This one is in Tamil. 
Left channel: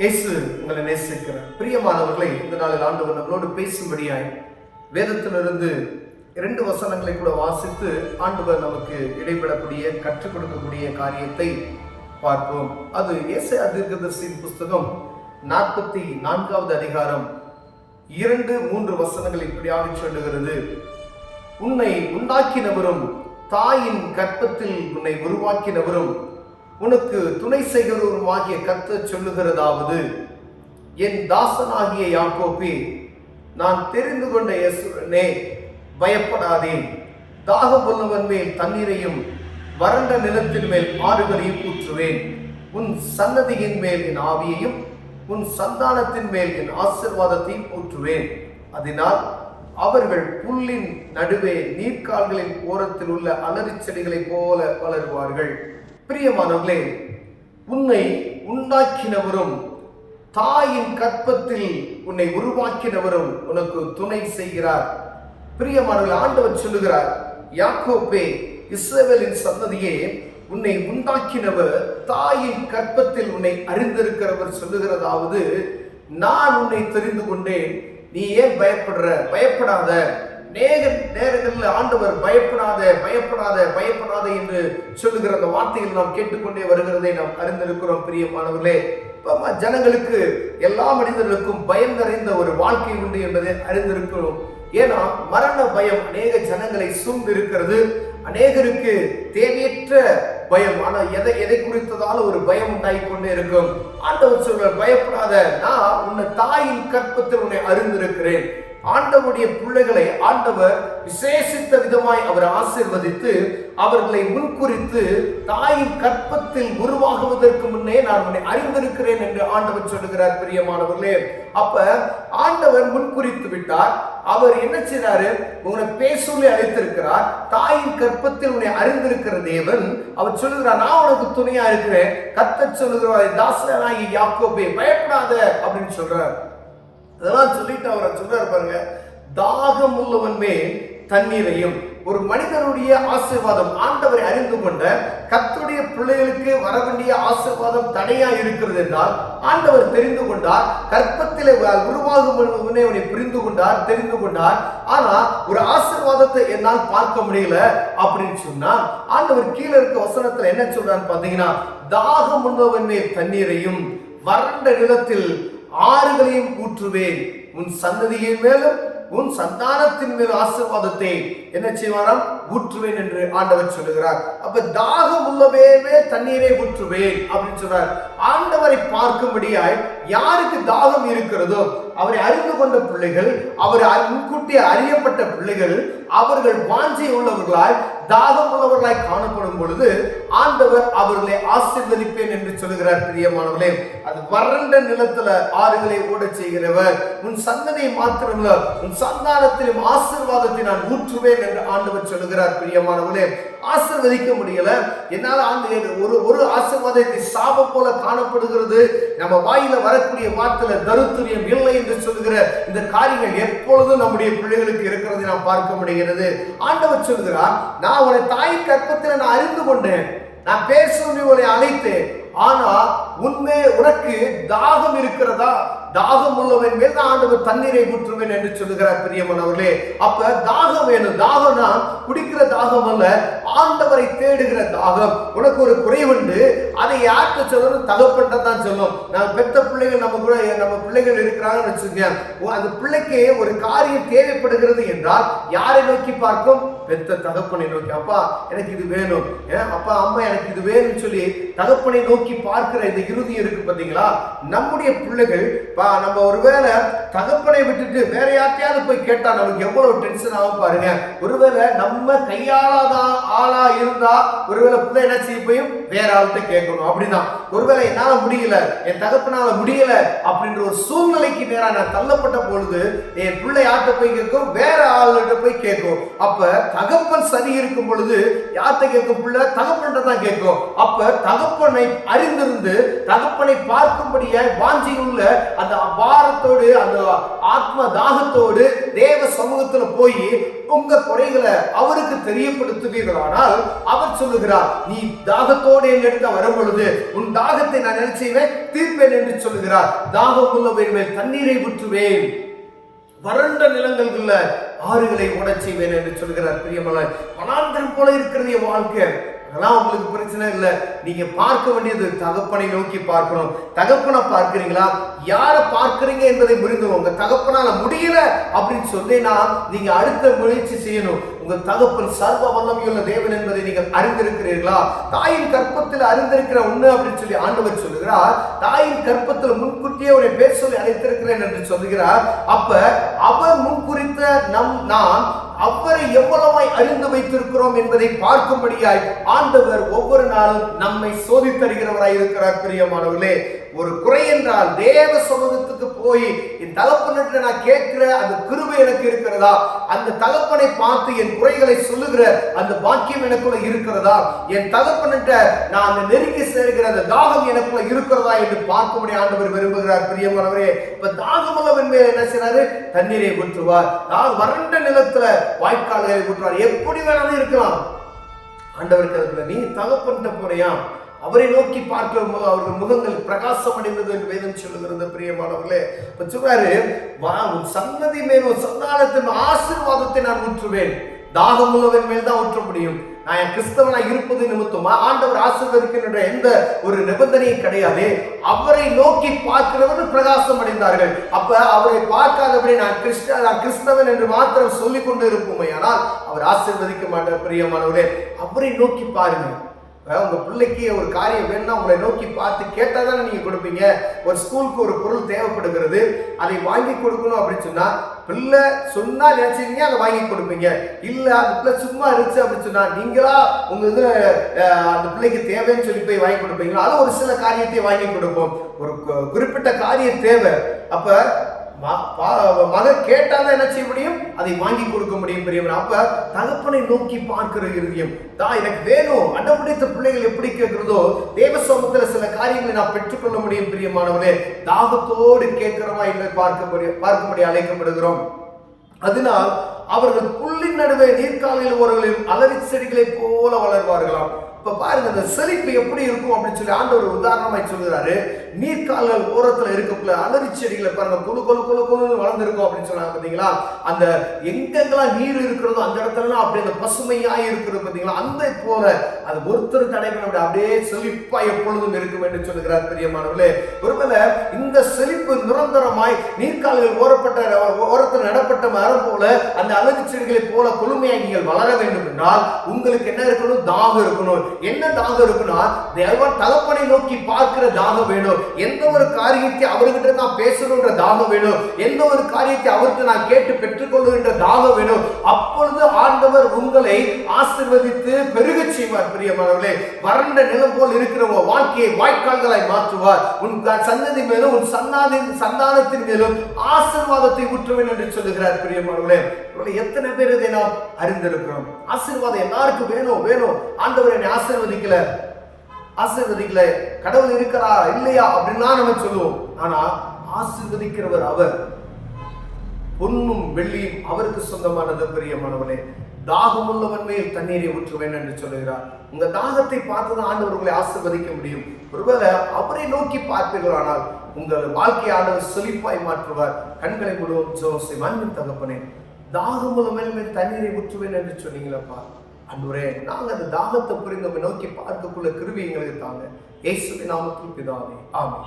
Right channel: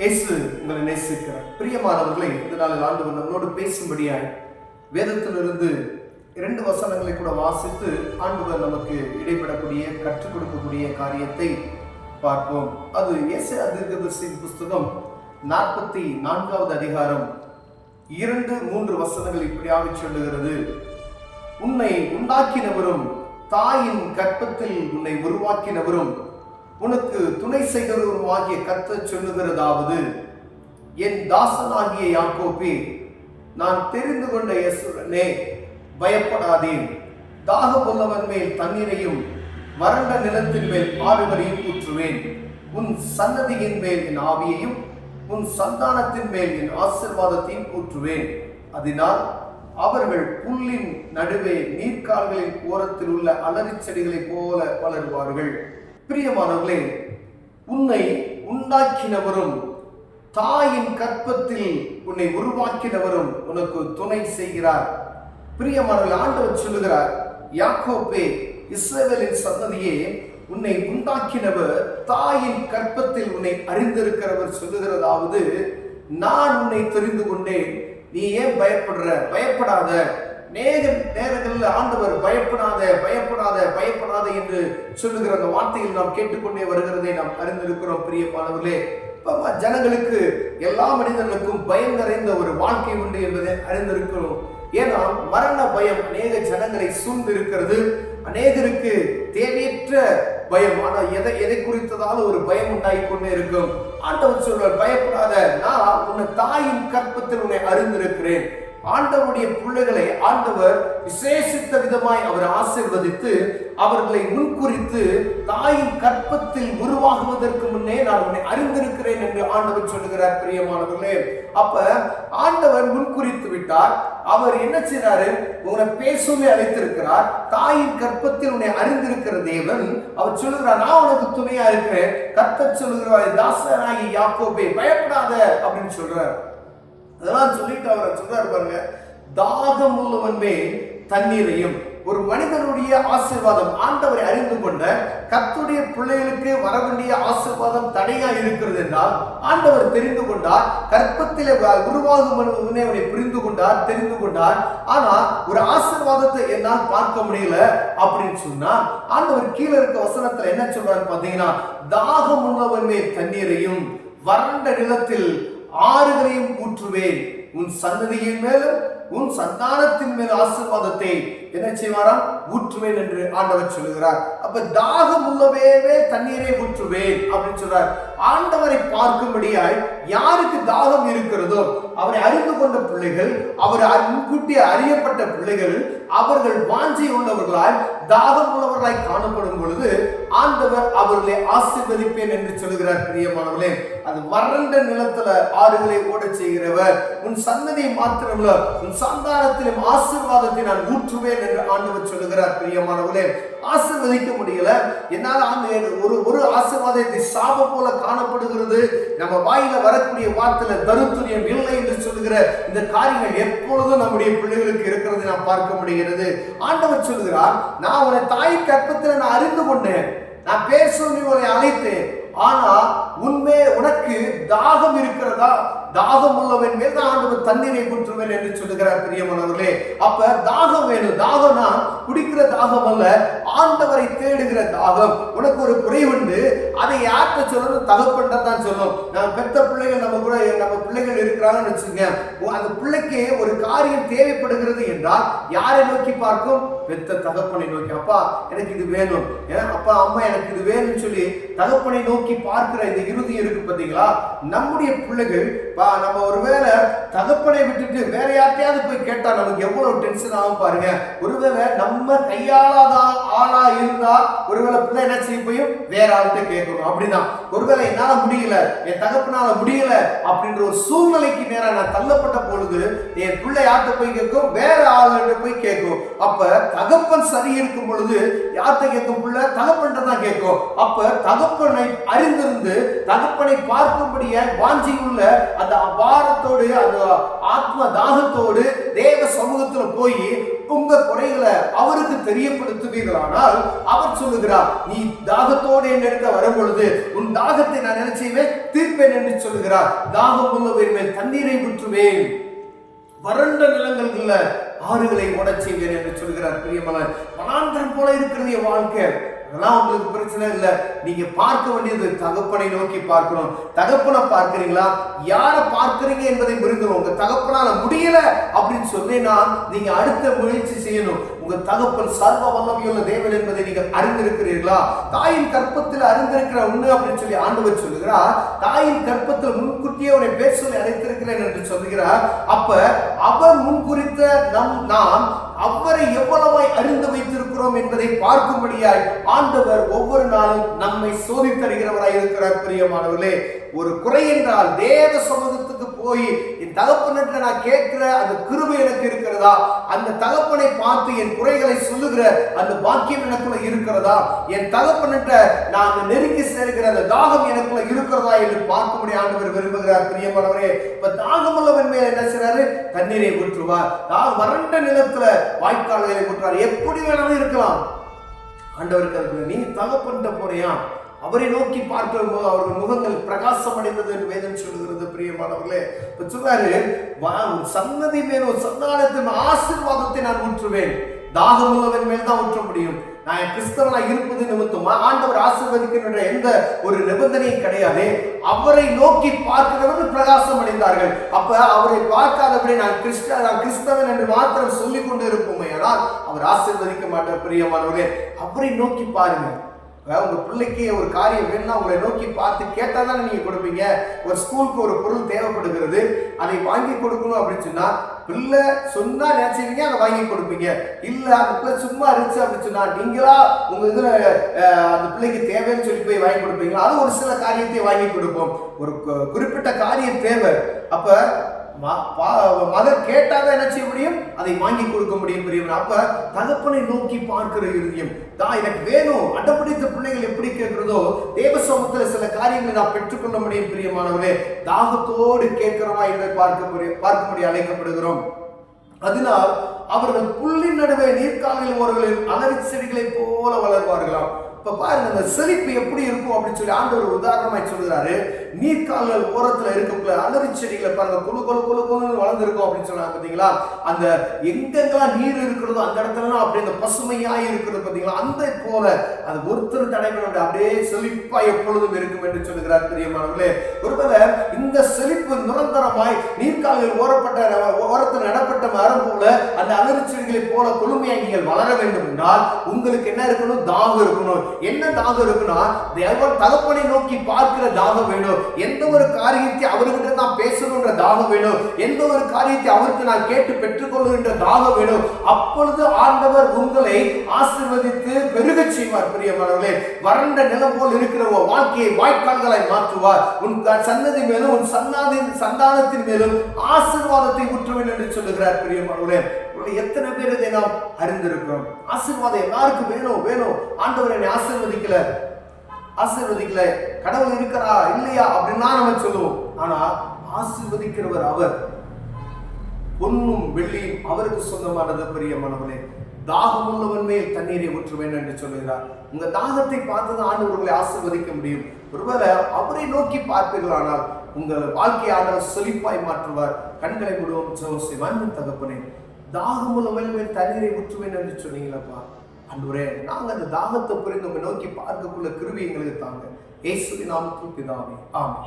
இயேசு உங்களை நேசிக்கிறார். பிரியமானவர்களை, இந்த நாளில் ஆண்டவர் நம்மளோடு பேசும்படியாய் வேதத்திலிருந்து 2 வசனங்களை கூட வாசித்து ஆண்டவர் நமக்கு இடைபெறக்கூடிய கற்றுக் கொடுக்கக்கூடிய காரியத்தை பார்ப்போம். அது ஏசாயா தீர்க்கதரிசியின் புஸ்தகம் 44வது அதிகாரம் 2-3 வசனங்கள் இப்படியாக சொல்லுகிறது. உன்னை உண்டாக்கினவரும் தாயின் கர்ப்பத்தில் உன்னை உருவாக்கினவரும் உனக்கு துணை செய்கிறவருமாகிய கர்த்தர் சொல்லுகிறதாவது, என் தாசனாகிய யாக்கோபே, நான் தெரிந்து கொண்ட இஸ்ரவேலே, பயப்படாதே. தாகமுள்ளவன் மேல் தண்ணீரையும் வறண்ட நிலத்தின் மேல் ஆறுகளையும் ஊற்றுவேன். உன் சன்னதியின் மேல் என் ஆவியையும் உன் சந்தானத்தின் மேல் என் ஆசீர்வாதத்தையும் ஊற்றுவேன். அதனால் அவர்கள் புல்லின் நடுவே நீர்க்கால்களின் ஓரத்தில் உள்ள அலறி செடிகளைப் போல வளருவார்கள். பிரியமானவர்களே, உன்னை உண்டாக்கினவரும் தாயின் கர்ப்பத்தில் உன்னை உருவாக்கினவரும் உனக்கு துணை செய்கிறார். பிரியமானவர்கள், ஆண்டவர் சொல்லுகிறார், யாக்கோபே, இஸ்ரவேலின் சந்ததியே, உன்னை உண்டாக்கினவர் தாயின் கர்ப்பத்தில் உன்னை அறிந்திருக்கிறவர் சொல்லுகிறதாவது, நான் உன்னை தெரிந்து கொண்டேன், நீ ஏன் பயப்படுற? பயப்படாத. நேரங்களில் ஆண்டவர் பயப்படாத பயப்படாத பயப்படாத என்று சொல்லுகிற அந்த வார்த்தைகள் நாம் கேட்டுக்கொண்டே வருகிறதை நாம் அறிந்திருக்கிறோம். பிரியமானவர்களே, ஜனங்களுக்கு, எல்லா மனிதர்களுக்கும் பயம் நிறைந்த ஒரு வாழ்க்கை உண்டு என்பதை அறிந்திருக்கிறோம். ஏன்னா மரண பயம் அநேக ஜனங்களை சூழ்ந்து இருக்கிறது. அநேகருக்கு தேவையற்ற பயம், ஆனால் எதை குறித்ததால ஒரு பயம் உண்டாகி கொண்டே இருக்கும். ஆண்டவர் சொல்றார், பயப்படாத, நான் உன்னை தாயின் கர்ப்பத்தில் உன்னை அறிந்திருக்கிறேன். ஆண்டவருடைய பிள்ளைகளை ஆண்டவர் விசேஷித்த விதமாய் அவர் ஆசீர்வதித்து அவர்களை முன்குறித்து தாயின் கற்பத்தில் உருவாகுவதற்கு முன்னே நான் உன்னை அறிந்திருக்கிறேன் என்று ஆண்டவர் சொல்லுகிறார். பிரியமானவர்களே, அப்ப ஆண்டவர் முன்குறித்து விட்டார். அவர் என்ன செய்றாரு? உன்னை பேசூலி அழைத்திருக்கிறார். தாயின் கற்பத்தில் உன்னை அறிந்திருக்கிற தேவன் அவர் சொல்லுகிறார், நான் உனக்கு துணையா இருக்கிறேன். கர்த்தர் சொல்லுகிறார், தாசனாகிய யாக்கோபே, பயப்படாத அப்படின்னு சொல்றார். அதெல்லாம் சொல்லிட்டு அவரை சொல்றாரு பாருங்க, தாகம் உள்ளவன் மேல் தண்ணீரையும். ஒரு மனிதனுடைய ஆசீர்வாதம், ஆண்டவரை அறிந்து கொண்ட கர்த்தருடைய பிள்ளைகளுக்கு வர வேண்டிய ஆசீர்வாதம் தடையா இருக்கிறது என்றால் ஆண்டவர் தெரிந்து கொண்டார். கர்ப்பத்திலே உருவாகும் அவனை புரிந்து கொண்டார், தெரிந்து கொண்டார். ஆனா ஒரு ஆசீர்வாதத்தை என்னால் பார்க்க முடியல அப்படின்னு சொன்னா ஆண்டவர் கீழே இருக்க வசனத்துல என்ன சொல்றான்னு பாத்தீங்கன்னா, தாகம் உள்ளவன் மேல் தண்ணீரையும் வறண்ட நிலத்தில் ஆறுகளையும் ஊற்றுவேன். உன் சந்ததியின் மேலும் உன் சந்தானத்தின் மேல் ஆசீர்வாதத்தை என்ன செய்வாராம்? ஊற்றுவேன் என்று ஆண்டவர் சொல்லுகிறார். அப்ப தாகம் உள்ளவே தண்ணீரை ஊற்றுவேன் அப்படின்னு சொல்றார். ஆண்டவரை பார்க்கும்படியாய் யாருக்கு தாகம் இருக்கிறதோ, அவரை அறிந்து கொண்ட பிள்ளைகள், அவர் முன்கூட்டி அறியப்பட்ட பிள்ளைகள், அவர்கள் வாஞ்சை உள்ளவர்களாய் தாகம் உள்ளவர்களாய் காணப்படும் பொழுது ஆண்டவர் அவர்களை ஆசீர்வதிப்பேன் என்று சொல்லுகிறார். பிரியமானவர்களே, அது வறண்ட நிலத்துல ஆறுகளை ஓட செய்கிறவர். உன் சந்ததியை மாத்திரமல்ல, உன் சந்தானத்திலும் ஆசீர்வாதத்தை நான் ஊற்றுவேன் என்று ஆண்டவர் சொல்லுகிறார். பிரியமானவர்களே, ஆசீர்வதிக்க முடியல என்னால். ஒரு ஆசீர்வாதத்தை சாபம் போல காணப்படுகிறது. நம்ம வாயில வரக்கூடிய வார்த்தையில தருத்துரியம் இல்லை என்று சொல்லுகிற இந்த காரியங்கள் எப்பொழுதும் நம்முடைய பிள்ளைகளுக்கு இருக்கிறதை நாம் பார்க்க முடிகிறது. ஆண்டவர் சொல்கிறார், நான் உன்னை தாய் கற்பத்தில் நான் அறிந்து கொண்டேன், நான் பேசும் உன்னை அழைத்தேன். ஆனா உண்மை உனக்கு தாகம் இருக்கிறதா? தாகம் உள்ளவன் மேல் தான் ஆண்டவர் தண்ணீரை ஊற்றுவேன் என்று சொல்லுகிறார். பிரியமானவர்களே, அப்ப தாகம் வேணும். தாகம்னா குடிக்கிற தாகம் அல்ல, ஆண்டவரை தேடுகிற தாகம். உனக்கு ஒரு குறைவுண்டு, அதை யார்கிட்ட சொல்லணும்? தகப்பன்ட்ட தான் சொல்லணும். நம்ம பெத்த பிள்ளைகள், நம்ம பிள்ளைகள் இருக்கிறாங்கன்னு வச்சுங்க, அந்த பிள்ளைக்கு ஒரு காரியம் தேவைப்படுகிறது என்றால் யாரை நோக்கி பார்க்கும்? பெத்த தகப்பனை நோக்கி. அப்பா எனக்கு இது வேணும், அப்பா அம்மா எனக்கு இது வேணும்னு சொல்லி தகப்பனை நோக்கி பார்க்கிற இந்த இறுதி இருக்கு பாத்தீங்களா? நம்முடைய பிள்ளைகள் நம்ம ஒருவேளை தகப்பனை விட்டுட்டு வேற யார்ட்டையாவது போய் கேட்டா நமக்கு எவ்வளவு டென்ஷன் ஆகும் பாருங்க. ஒருவேளை நம்ம கையாளாத ஆளா இருந்தா ஒருவேளை பிள்ளை என்ன செய்ய போயும் வேற ஆள்கிட்ட கேட்கணும். அப்படிதான், ஒருவேளை என்னால முடியல, என் தகப்பனால முடியல அப்படின்ற ஒரு சூழ்நிலைக்கு நேரா நான் தள்ளப்பட்ட பொழுது என் பிள்ளை யார்கிட்ட போய் கேட்கும்? வேற ஆள்கிட்ட போய் கேட்கும். அப்ப தகப்பன் சரி இருக்கும் பொழுது யார்கிட்ட கேட்கும்? பிள்ளை தகப்பன்கிட்ட தான் கேட்கும். அப்ப தகப்பனை அறிந்திருந்து தகப்பனை பார்க்கும்படியாய் வாஞ்சியுள்ள அந்த பாரத்தோடு, அந்த ஆத்ம தாகத்தோடு தேவ சமூகத்துல போய் உங்க குறைகளை அவருக்கு தெரியப்படுத்துவீர்களானால் அவர் சொல்லுகிறார், நீ தாகத்தோடு என்னிடத்த வரும் பொழுது உன் தாகத்தை நான் என்ன செய்வேன், தீர்ப்பேன் என்று சொல்லுகிறார். தாகம் உள்ளவர் மேல் தண்ணீரை ஊற்றுவேன், வறண்ட நிலங்கள்ல ஆறுகளை ஓடச் செய்வேன் என்று சொல்கிறார். பிரியமான வனாந்தரம் போல இருக்கிறது என் வாழ்க்கை. அதெல்லாம் உங்களுக்கு பிரச்சனை இல்லை. நீங்க பார்க்க வேண்டியது தகப்பனை நோக்கி பார்க்கணும். தகப்பனை பார்க்கிறீங்களா, யாரை பார்க்கிறீங்க என்பதை புரிந்து, உங்க தகப்பனால முடியல அப்படின்னு சொன்னீங்கன்னா நீங்க அடுத்த முயற்சி செய்யணும். உங்க தகப்பன் சர்வ வல்லமையுள்ள தேவன் என்பதை நீங்கள் அறிந்திருக்கிறீர்களா? தாயின் கற்பத்தில் அறிந்திருக்கிற ஒண்ணு அப்படின்னு சொல்லி ஆண்டவர் சொல்லுகிறார். தாயின் கற்பத்தில் முன்கூட்டியே அவரை பேர் சொல்லி அழைத்திருக்கிறேன் என்று சொல்லுகிறார். அப்ப அவர் முன்குறித்த நாம் அவரை எவ்வளவாய் அறிந்து வைத்திருக்கிறோம் என்பதை பார்க்கும்படியாய் ஆண்டவர் ஒவ்வொரு நாளும் நம்மை சோதித்தருகிறவராய் இருக்கிறார். பிரியமானவர்களே, ஒரு குறை என்றால் தேவ சமூகத்துக்கு போய் என் தகப்பனிட்ட நான் கேட்கிற அந்த கிருபை எனக்கு இருக்கிறதா, அந்த தகப்பனை பார்த்து என் குறைகளை சொல்லுகிற அந்த பாக்கியம் எனக்குள்ள இருக்கிறதா, என் தகப்பனிட்ட நான் அந்த நெருங்கி சேர்கிற அந்த தாகம் எனக்குள்ள இருக்கிறதா என்று பார்க்கும்படி ஆண்டவர் விரும்புகிறார். பிரியமானவரே, இப்ப தாகமுள்ளவன் மேல் என்ன செய்றாரு, தண்ணீரை ஊற்றுவார். வறண்ட நிலத்துல வாய்க்கால்களை ஊற்றுவார். எப்படி வேணாலும் இருக்கலாம். ஆண்டவருக்கு அதுக்குள்ள நீ தகப்பன்ட்ட போறியா, அவரை நோக்கி பார்க்கிற அவர்கள் முகங்கள் பிரகாசம் அடைந்தது என்று வேதம் சொல்லுகிறது. பிரியமானவர்களே, இப்ப சொல்றாரு, சன்னதி மேல் ஒரு சந்தானத்தின் ஆசீர்வாதத்தை நான் ஊற்றுவேன். தாகமுள்ளவன் மேல் தான் ஊற்ற முடியும். நான் என் கிறிஸ்தவனா இருப்பது நிமித்தமா ஆண்டவர் ஆசீர்வதிக்கின்ற எந்த ஒரு நிபந்தனையும் கிடையாது. அவரை நோக்கி பார்க்கிறவர்கள் பிரகாசம் அடைந்தார்கள். அப்ப அவரை பார்க்காதபடி நான் கிறிஸ்தவன் என்று மாத்திரம் சொல்லிக் கொண்டு இருப்போமே, ஆனால் அவர் ஆசீர்வதிக்க மாட்டார். பிரியமானவர்களே, அவரை நோக்கி பாருங்க. உங்க பிள்ளைக்கு ஒரு காரியம் வேணும்னா உங்களை நோக்கி பார்த்து கேட்டா தானே நீங்க கொடுப்பீங்க. ஒரு ஸ்கூலுக்கு ஒரு பொருள் தேவைப்படுகிறது, அதை வாங்கி கொடுக்கணும் அப்படின்னு சொன்னா பிள்ளை சொன்னா நினைச்சீங்க அதை வாங்கி கொடுப்பீங்க. இல்ல அந்த பிள்ளை சும்மா இருந்துச்சு அப்படின்னு சொன்னா நீங்களா உங்க இதுல அந்த பிள்ளைக்கு தேவைன்னு சொல்லி போய் வாங்கி கொடுப்பீங்களா? அது ஒரு சில காரியத்தை வாங்கி கொடுப்போம். ஒரு குறிப்பிட்ட காரியம் தேவை, அப்ப மகன் கேட்டாதான் என்ன செய்ய முடியும், அதை வாங்கி கொடுக்க முடியும். பிரியமான, அப்ப தகப்பனை நோக்கி பார்க்கிற இருதயம் தான் எனக்கு வேணும். அடம்பிடித்த பிள்ளைகள் எப்படி கேட்கிறதோ தேவ சமூகத்துல சில காரியங்களை நான் பெற்றுக்கொள்ள முடியும். பிரியமானவர்களே, தாகத்தோடு கேட்கிறோமா என்று பார்க்கும்படி அழைக்கப்படுகிறோம். அதனால் அவர்கள் புல்லின் நடுவே நீர்க்காலையில் ஓரங்களில் அலரி செடிகளை போல வளர்வார்களாம். இப்ப பாருங்க, அந்த செழிப்பு எப்படி இருக்கும் அப்படின்னு சொல்லி ஆண்டவர் உதாரணமாய் சொல்கிறாரு. நீர்க்கால்கள் ஓரத்துல இருக்கக்குள்ள அலரி செடிகளை பாருங்க, குழு குழு குழு குழுன்னு வளர்ந்துருக்கும் அப்படின்னு சொல்றாங்க. பாத்தீங்களா, அந்த எங்கெங்கெல்லாம் நீர் இருக்கிறதோ அந்த இடத்துலலாம் அப்படி அந்த பசுமையாய் இருக்கிறது. பாத்தீங்களா, அந்த போல அது ஒருத்தர் தடை பண்ண அப்படியே செழிப்பா எப்பொழுதும் இருக்கும் என்று சொல்லுகிறார். பிரியமானவர்களே, ஒருவேளை இந்த செழிப்பு நிரந்தரமாய் நீர்க்கால்கள் ஓரத்தில் நடப்பட்ட மரம் போல அந்த அலரி செடிகளை போல கொழுமையாக நீங்கள் வளர வேண்டும் என்றால் உங்களுக்கு என்ன இருக்கணும், தாகம் இருக்கணும். என்ன தாகம் இருக்குன்னா, தகப்பனை நோக்கி பார்க்கிற தாகம் வேணும். எந்த ஒரு காரியத்தை அவர்கிட்ட நான் பேசணும்ன்ற தாகம் வேணும். எந்த ஒரு காரியத்தை அவருக்கு நான் கேட்டு பெற்றுக்கொள்ளுகின்ற தாகம் வேணும். அப்பொழுது ஆண்டவர் உங்களை ஆசீர்வதித்து பெருக செய்வார். பிரியமானவர்களே, வறண்ட நிலம் போல் இருக்கிற வாழ்க்கையை வாய்க்கால்களாய் மாற்றுவார். உன் சன்னதி மேலும் உன் சந்தானத்தின் மேலும் ஆசீர்வாதத்தை ஊற்றுவேன் என்று சொல்லுகிறார். பிரியமானவர்களே, எத்தனை பேர் இதை நாம் அறிந்திருக்கிறோம்? ஆசீர்வாதம் எல்லாருக்கும் வேணும். ஆண்டவர் என்னை ஆசீர்வதிக்கல, கடவுள் இருக்கிறா இல்லையா அப்படின்னா நம்ம சொல்லுவோம். ஆனா ஆசீர்வதிக்கிறவர் அவர். பொன்னும் வெள்ளியும் அவருக்கு சொந்தமானது. பிரியமானவர்களே, தாகமுள்ளவன் மேல் தண்ணீரை ஊற்றுவேன் என்று சொல்லுகிறார். உங்க தாகத்தை பார்த்துதான் ஆண்டவர்களை ஆசீர்வதிக்க முடியும். ஒருவேளை அவரை நோக்கி பார்ப்பீர்களானால் உங்கள் வாழ்க்கை ஆண்டவர் செழிப்பாய் மாற்றுவார். கண்களை மூடுவோம், ஜெபம் செய்வோம். அன்பின் தகப்பனே, தாகமுள்ளவன் மேல் தண்ணீரை ஊற்றுவேன் என்று சொன்னீங்களப்பா. ஆண்டவரே, நாங்க அந்த தாகத்தை புரிந்து நோக்கி பார்க்கக்குள்ள கிருபை எங்களுக்கு தாங்க. இயேசுவின் நாமத்தில் பிதாவே, ஆமென்.